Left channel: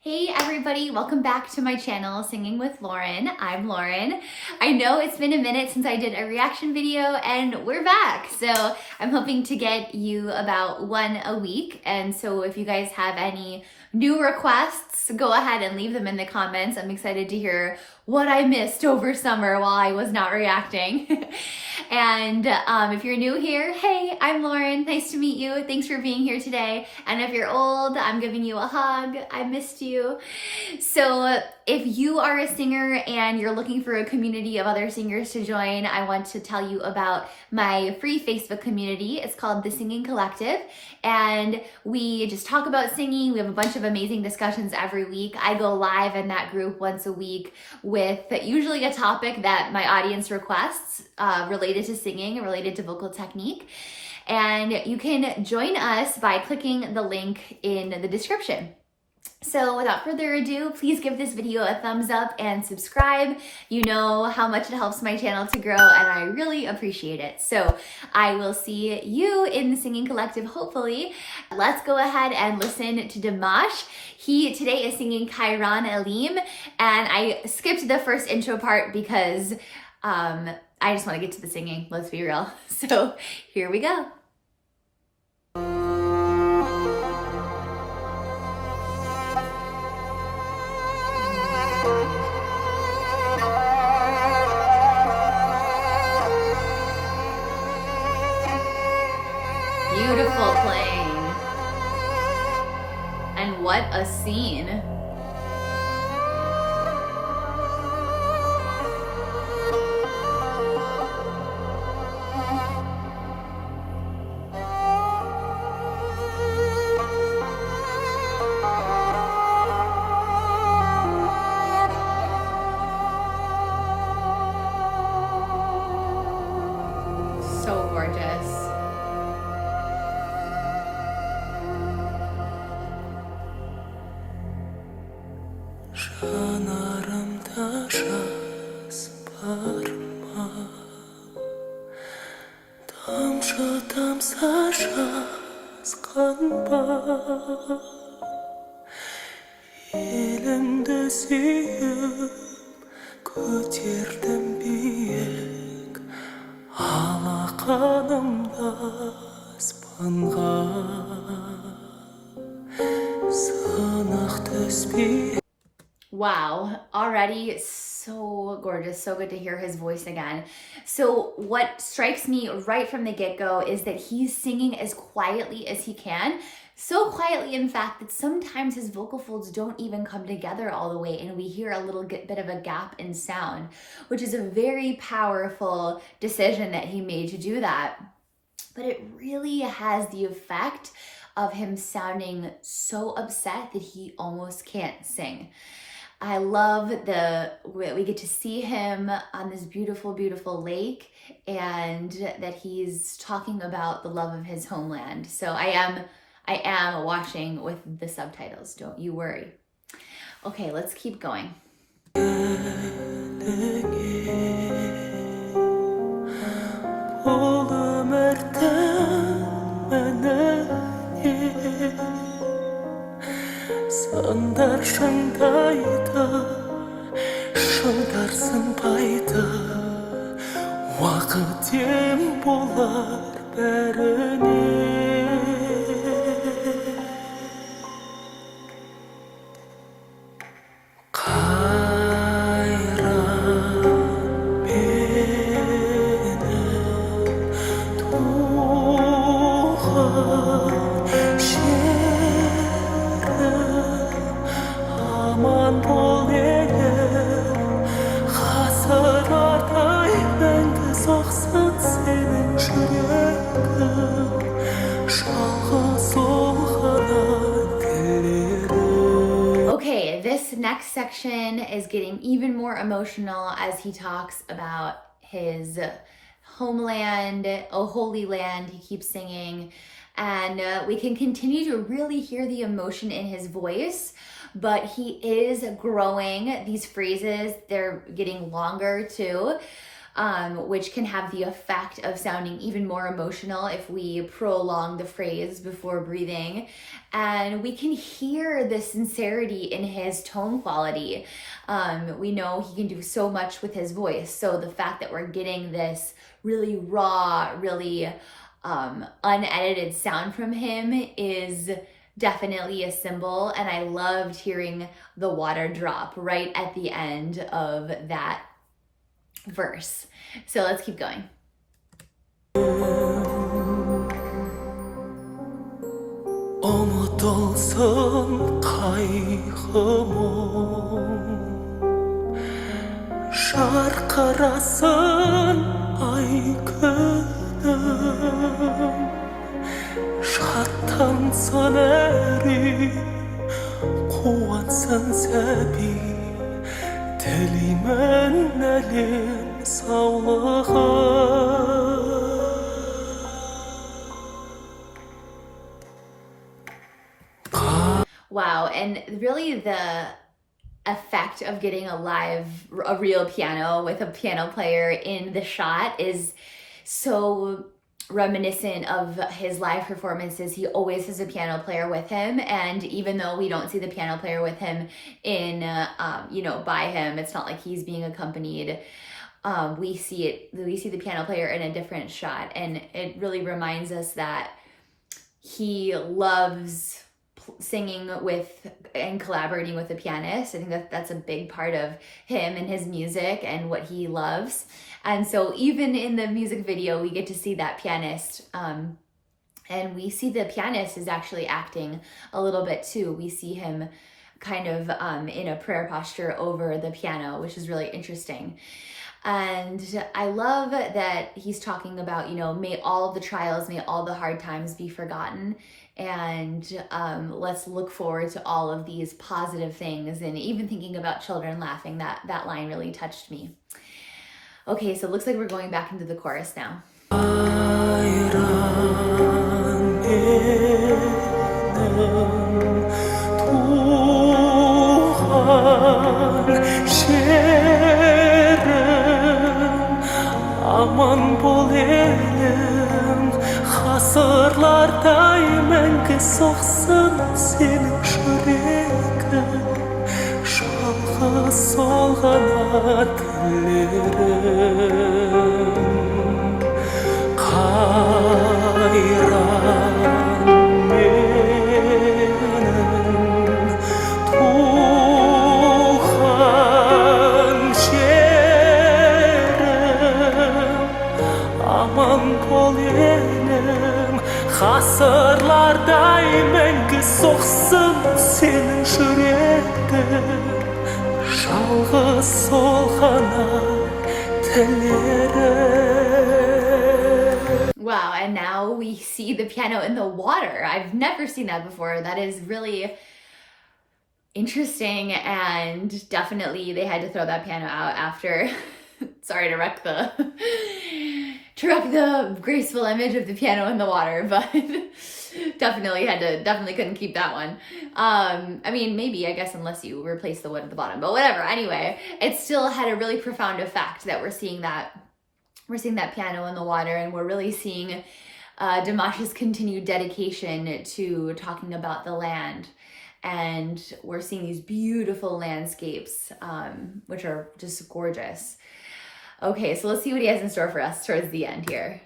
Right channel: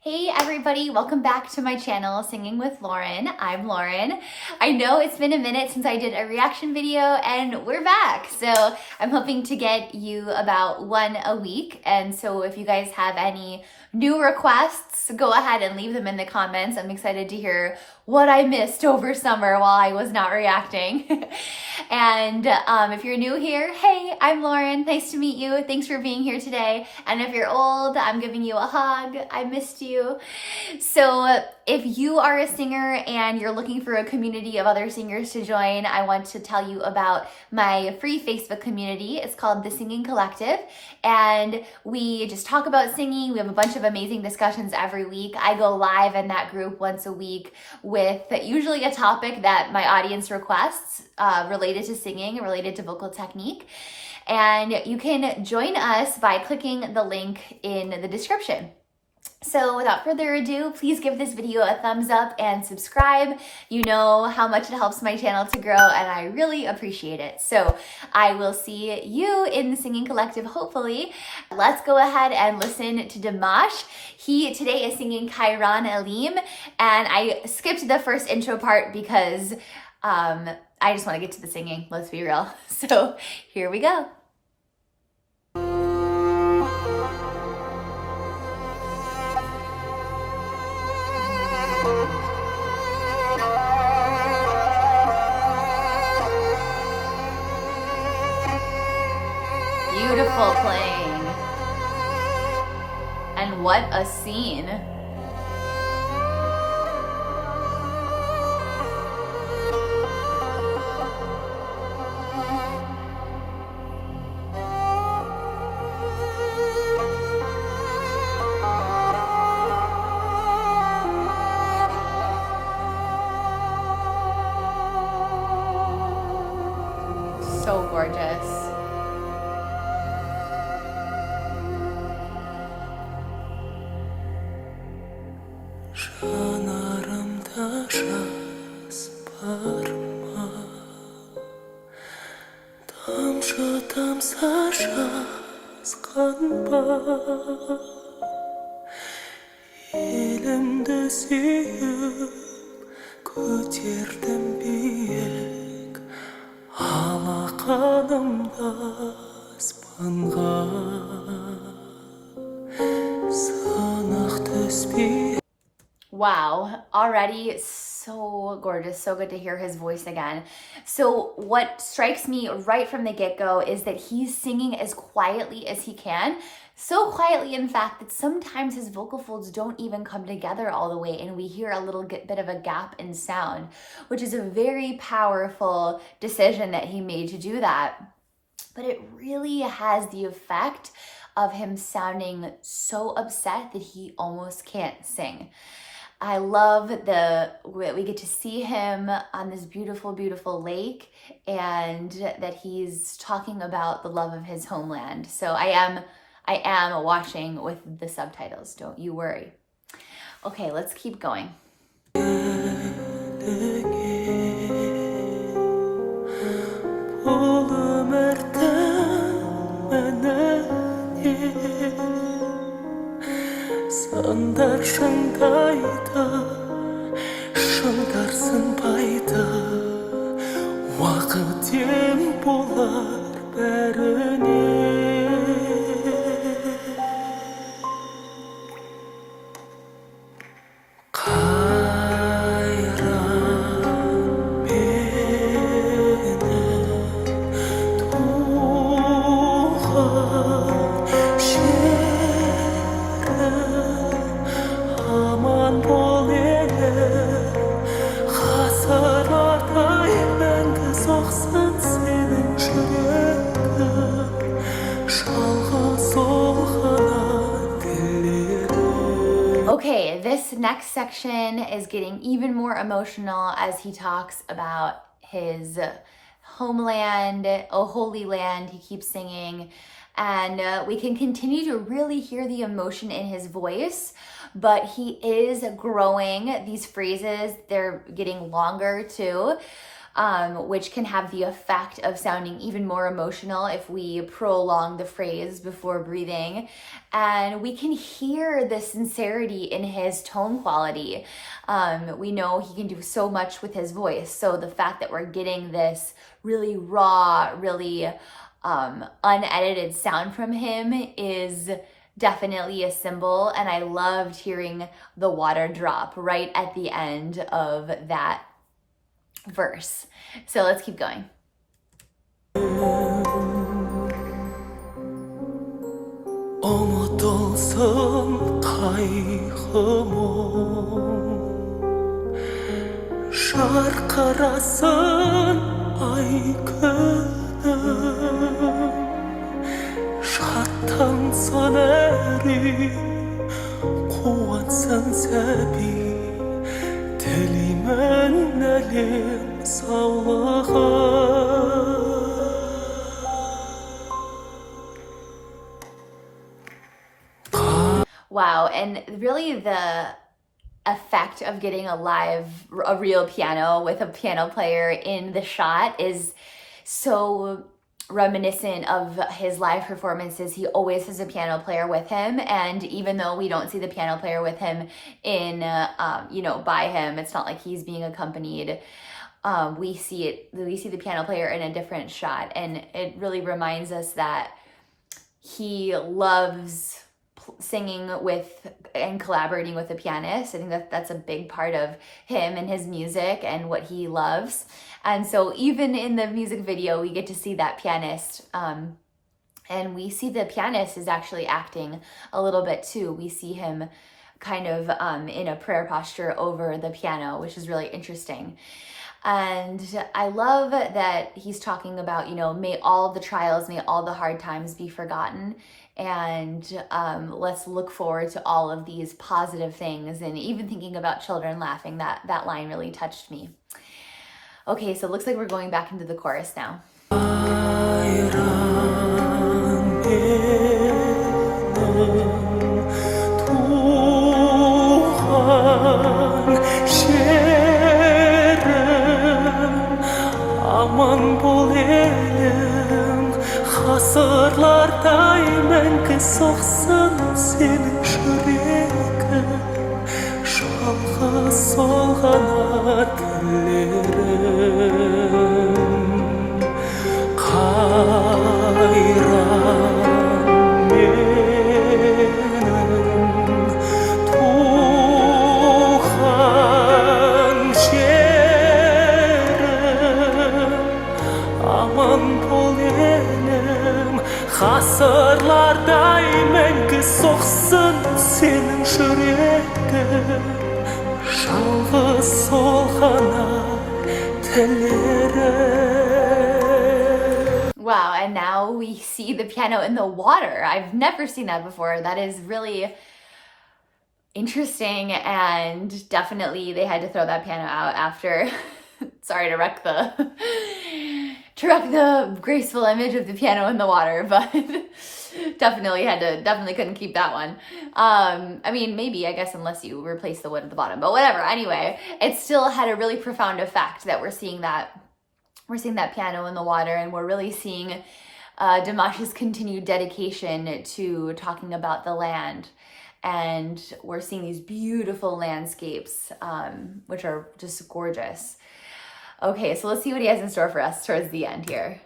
Hey everybody, welcome back to my channel, Singing with Lauren. I'm Lauren. I know it's been a minute since I did a reaction video and we're back. So I'm hoping to get you about one a week. And so if you guys have any new requests, go ahead and leave them in the comments. I'm excited to hear what I missed over summer while I was not reacting. And if you're new here, hey, I'm Lauren. Nice to meet you. Thanks for being here today. And if you're old, I'm giving you a hug. I missed you. So if you are a singer and you're looking for a community of other singers to join, I want to tell you about my free Facebook community. It's called The Singing Collective. And we just talk about singing. We have a bunch of amazing discussions every week. I go live in that group once a week with usually a topic that my audience requests related to singing, related to vocal technique. And you can join us by clicking the link in the description. So without further ado, please give this video a thumbs up and subscribe. You know how much it helps my channel to grow and I really appreciate it. So I will see you in the Singing Collective, hopefully. Let's go ahead and listen to Dimash. He today is singing Qairan Elim, and I skipped the first intro part because I just want to get to the singing, let's be real. So here we go. Beautiful playing. And what a scene. So gorgeous. Жанарымда жас бар ма? Тамшы тамса жазған ба? Елімді сүйіп көтердім биік, алақанымда аспанға сынық түспей. Wow, already so gorgeous, so good to hear his voice again. So what strikes me right from the get-go is that he's singing as quietly as he can. So quietly, in fact, that sometimes his vocal folds don't even come together all the way and we hear a little bit of a gap in sound, which is a very powerful decision that he made to do that. But it really has the effect of him sounding so upset that he almost can't sing. I love we get to see him on this beautiful, beautiful lake and that he's talking about the love of his homeland. So I am watching with the subtitles, don't you worry. Okay, let's keep going. Сандар шыңдайды, шыңдар сынбайды, уақыт ем болар бәріне. Қайран менің туған aman bol elim, ғасырлардай мәңгі соқсын сенің жүрегің, жалғыз ол ғана тілерім. Okay, this next section is getting even more emotional as he talks about his homeland, oh holy land, he keeps singing. And we can continue to really hear the emotion in his voice, but he is growing. These phrases, they're getting longer too. which can have the effect of sounding even more emotional if we prolong the phrase before breathing. And we can hear the sincerity in his tone quality. We know he can do so much with his voice. So the fact that we're getting this really raw, really unedited sound from him is definitely a symbol. And I loved hearing the water drop right at the end of that verse. So let's keep going. Unutulsun kaygımın, şarkırasın ay günüm, şattansın eri, kuvansın sebi, Telimen elim sağlığı. Wow, and really the effect of getting a real piano with a piano player in the shot is so reminiscent of his live performances. He always has a piano player with him, and even though we don't see the piano player with him in, by him, it's not like he's being accompanied. We see the piano player in a different shot, and it really reminds us that he loves singing with and collaborating with the pianist. I think that's a big part of him and his music and what he loves. And so even in the music video, we get to see that pianist, and we see the pianist is actually acting a little bit too. We see him kind of in a prayer posture over the piano, which is really interesting. And I love that he's talking about, may all the trials, may all the hard times be forgotten. And let's look forward to all of these positive things. And even thinking about children laughing, that line really touched me. Okay, so it looks like we're going back into the chorus now. Qairan Elim Tuhan şerim, aman bol elim, hasırlar daima soğsun senin yüreğin. Şalğa solğana dillerim, Qairan menin tuğan şerim, aman bol elim, hasırlar daima soğsun senin yüreğin. Şalğı solğana tellerim. Wow, and now we see the piano in the water. I've never seen that before. That is really interesting, and definitely they had to throw that piano out after. Sorry to wreck the graceful image of the piano in the water, but definitely couldn't keep that one. Maybe, I guess, unless you replace the wood at the bottom, but whatever. Anyway, it still had a really profound effect that we're seeing that piano in the water, and we're really seeing Dimash's continued dedication to talking about the land. And we're seeing these beautiful landscapes, which are just gorgeous. Okay, so let's see what he has in store for us towards the end here.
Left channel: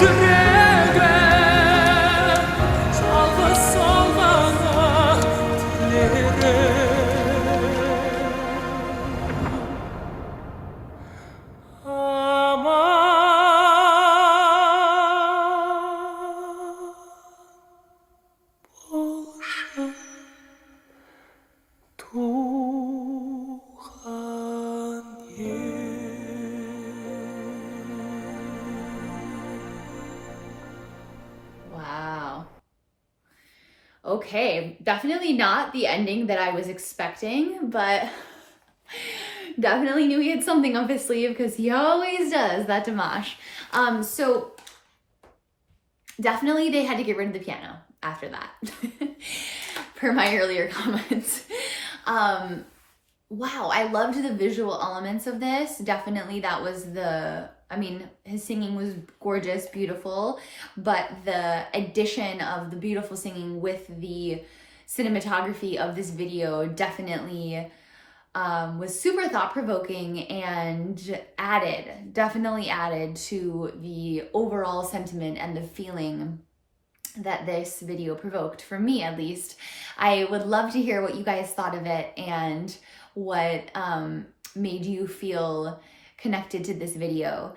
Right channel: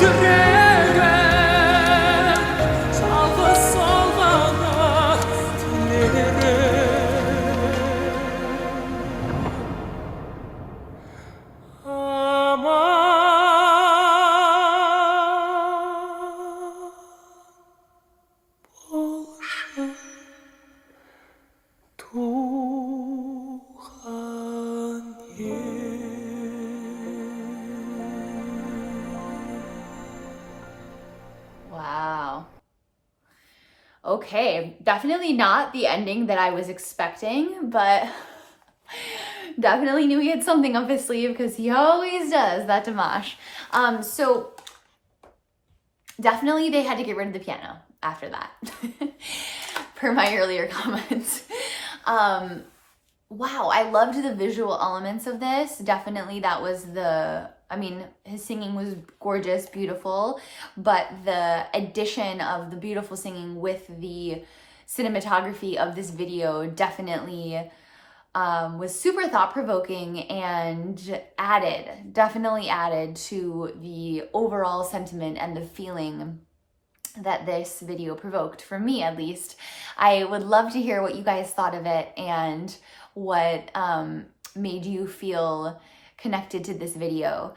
yüreğim Çalgı salgana dilerim Aman bolşun tuğan Wow. Okay, definitely not the ending that I was expecting, but definitely knew he had something up his sleeve because he always does, that Dimash. So definitely they had to get rid of the piano after that, per my earlier comments. Wow, I loved the visual elements of this. Definitely that was his singing was gorgeous, beautiful, but the addition of the beautiful singing with the cinematography of this video definitely was super thought-provoking and definitely added to the overall sentiment and the feeling that this video provoked, for me at least. I would love to hear what you guys thought of it and what made you feel connected to this video.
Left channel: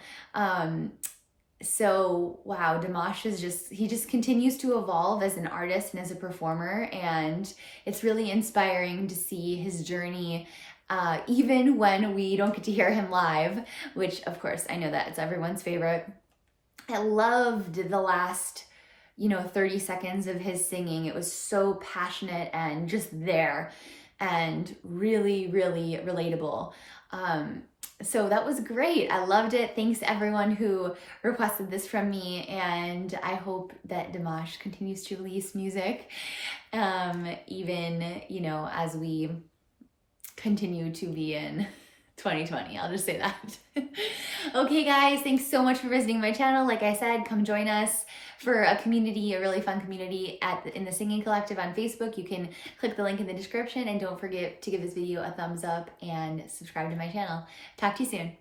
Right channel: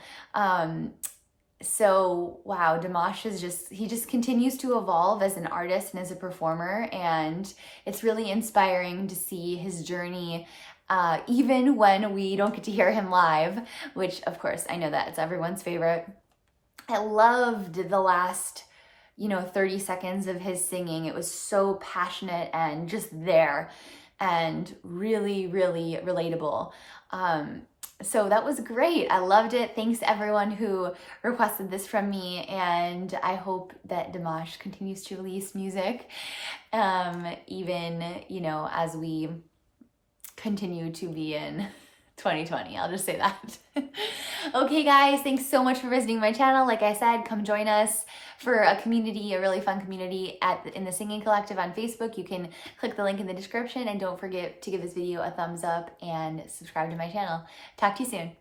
So wow, Dimash is he just continues to evolve as an artist and as a performer, and it's really inspiring to see his journey, even when we don't get to hear him live, which of course I know that it's everyone's favorite. I loved the last 30 seconds of his singing. It was so passionate and just there and really, really relatable. So that was great. I loved it. Thanks to everyone who requested this from me, and I hope that Dimash continues to release music, even, as we continue to be in 2020. I'll just say that. Okay, guys, thanks so much for visiting my channel. Like I said, come join us for a community, a really fun community in the Singing Collective on Facebook. You can click the link in the description, and don't forget to give this video a thumbs up and subscribe to my channel. Talk to you soon.